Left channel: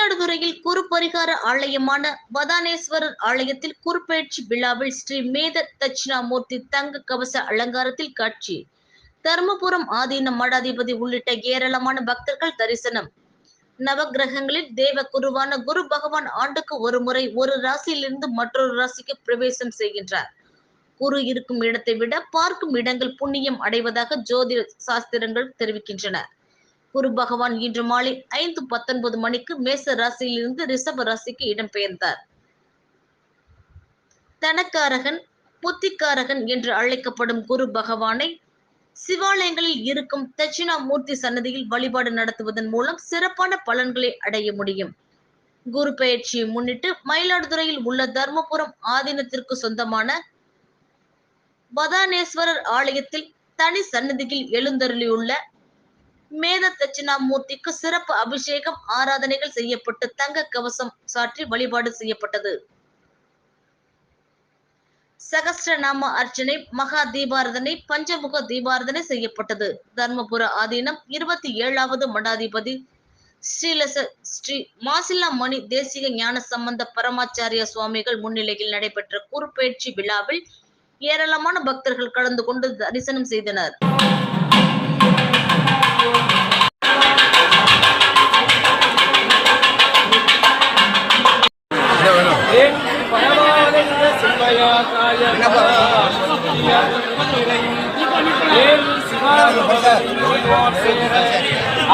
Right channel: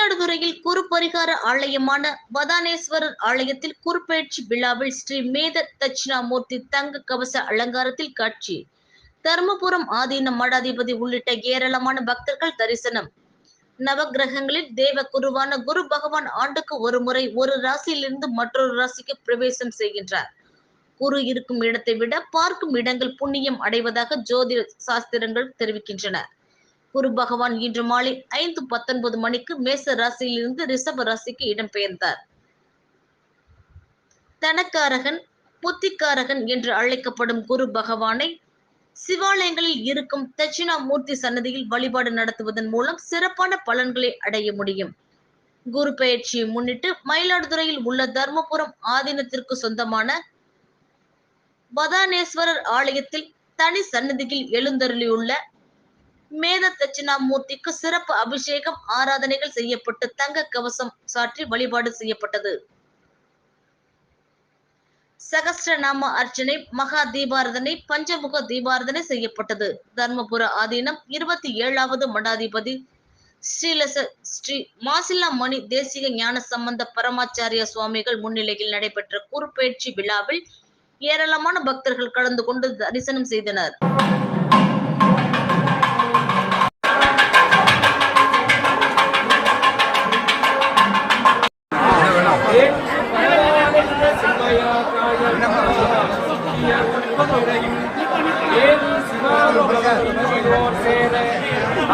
மயிலாடுதுறையில் குருபரிகார ஆலயமான வதானேஸ்வரர் ஆலயத்தில் குருபெயர்ச்சி விழாவில் ஸ்ரீ மேத தட்சிணாமூர்த்தி தங்க கவச அலங்காரத்தில் காட்சி. தர்மபுரம் ஆதீன மடாதிபதி உள்ளிட்ட ஏராளமான பக்தர்கள் தரிசனம். நவகிரகங்களில் தேவ குருவான குரு பகவான் ஆண்டுக்கு ஒரு முறை ஒரு ராசியிலிருந்து மற்றொரு ராசிக்கு பிரவேசம் செய்கின்றார். குரு இருக்கும் இடத்தை விட பார்க்கும் இடங்கள் புண்ணியம் அடைவதாக ஜோதிட சாஸ்திரங்கள் தெரிவிக்கின்றன. குரு பகவான் இன்று மாலை 5:19 மணிக்கு மேச ராசியிலிருந்து ரிஷப ராசிக்கு இடம்பெயர்ந்தார். தனக்காரகன், புத்திக்காரகன் என்று அழைக்கப்படும் குரு பகவானை சிவாலயங்களில் இருக்கும் தட்சிணாமூர்த்தி சன்னதியில் வழிபாடு நடத்துவதன் மூலம் சிறப்பான பலன்களை அடைய முடியும். குரு பெயர்ச்சியை முன்னிட்டு மயிலாடுதுறையில் உள்ள தர்மபுரம் ஆதீனத்திற்கு சொந்தமான வதானேஸ்வரர் ஆலயத்தில் தனி சன்னதியில் எழுந்தருளியுள்ள மேத தட்சிணாமூர்த்திக்கு சிறப்பு அபிஷேகம், ஆராதனைகள் செய்யப்பட்டு தங்க கவசம் சாற்றி வழிபாடு செய்யப்பட்டது. சகஸ்ரநாம அர்ச்சனை, மகா தீபாரதனை, பஞ்சமுக தீபாரதனை செய்யப்பட்டது. தர்மபுர ஆதீனம் 27வது மடாதிபதி ஸ்ரீ மாசிலாமணி தேசிக ஞான சம்பந்த பரமாச்சாரிய சுவாமிகள் முன்னிலையில் நடைபெற்ற குருபெயர்ச்சி விழாவில் ஏராளமான பக்தர்கள் கலந்து கொண்டு தரிசனம் செய்தனர்.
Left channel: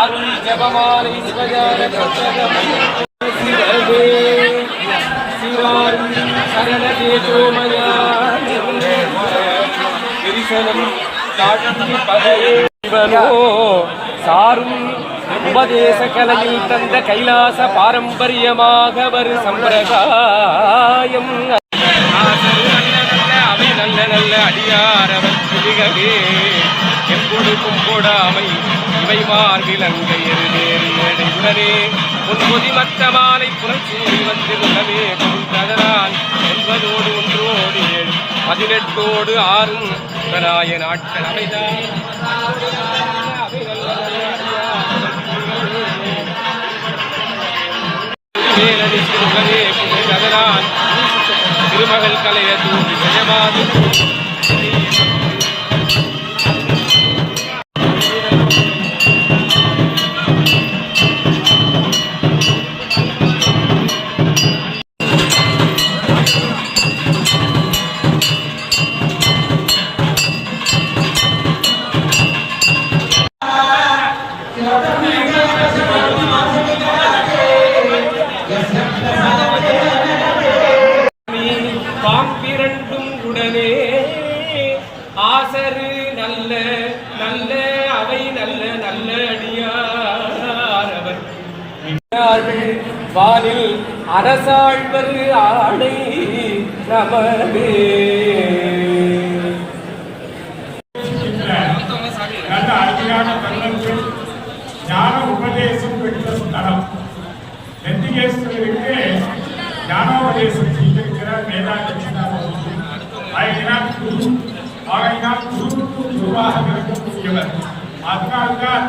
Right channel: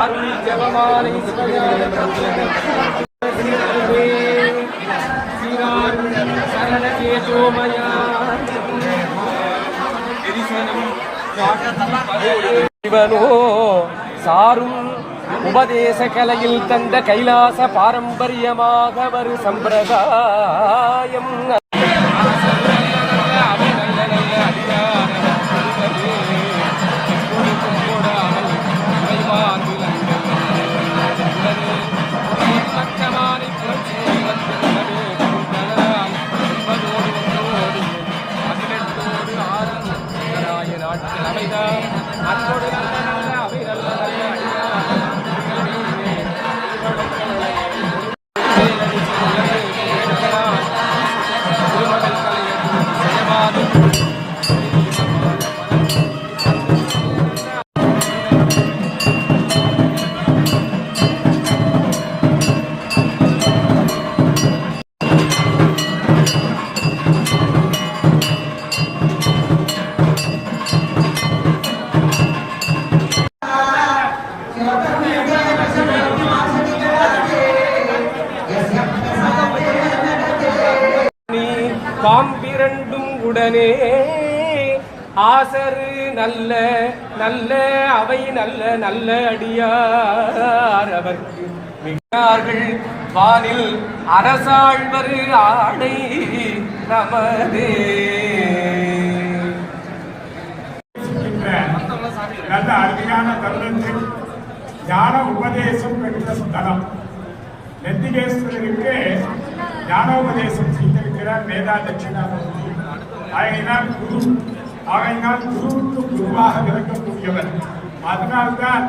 அருள் ஜபமாலை சரணேசோமயா சாரும் உபதேச கலையில் தந்த கைலாச பாரம்பரியமாக வரும் சம்பிரதாயம். அவை நல்ல நல்ல அடியாரவர் கிளிகளே என்பொடு கும்பொடாமை இவை மார்பில் அங்கை எருதேறி உடனே ஒன்பது மற்ற மாலை புனல் சூடி வந்திருந்தமே புகுந்ததனால் 9 1 7 18 6 நாய நாட்கள் அவைதான் அன்போடு நல்ல நல்ல அவை நல்ல நல்ல அடியாரே புகுந்ததனால் திருமகள் கலைய தூண்டி செய்யமாது பாம்பிரண்டும் உடனே ஆசரு நல்ல நல்ல அவை நல்ல நல்ல அடியார் அவர்க்கு வானில் அரசாழ்வர் ஆடை நமதே. நல்ல அருமையான தருணத்தில் ஞான உபதேசம் பெற்ற ஸ்தலம். நெத்திகேஸ்வரருக்கு ஞானோபதேசம் செய்திருக்கிறார் மேதா தட்சிணாமூர்த்தி. ஆகையினால் குருவுக்கு குருவாக இருக்கக்கூடியவர். அதனால்தான்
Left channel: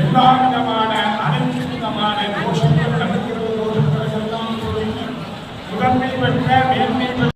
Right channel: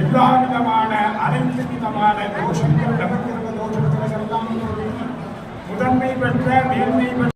எல்லா விதமான அனைத்து விதமான தோஷங்கள் முதன்மை பெற்ற மேன்மை பெற்ற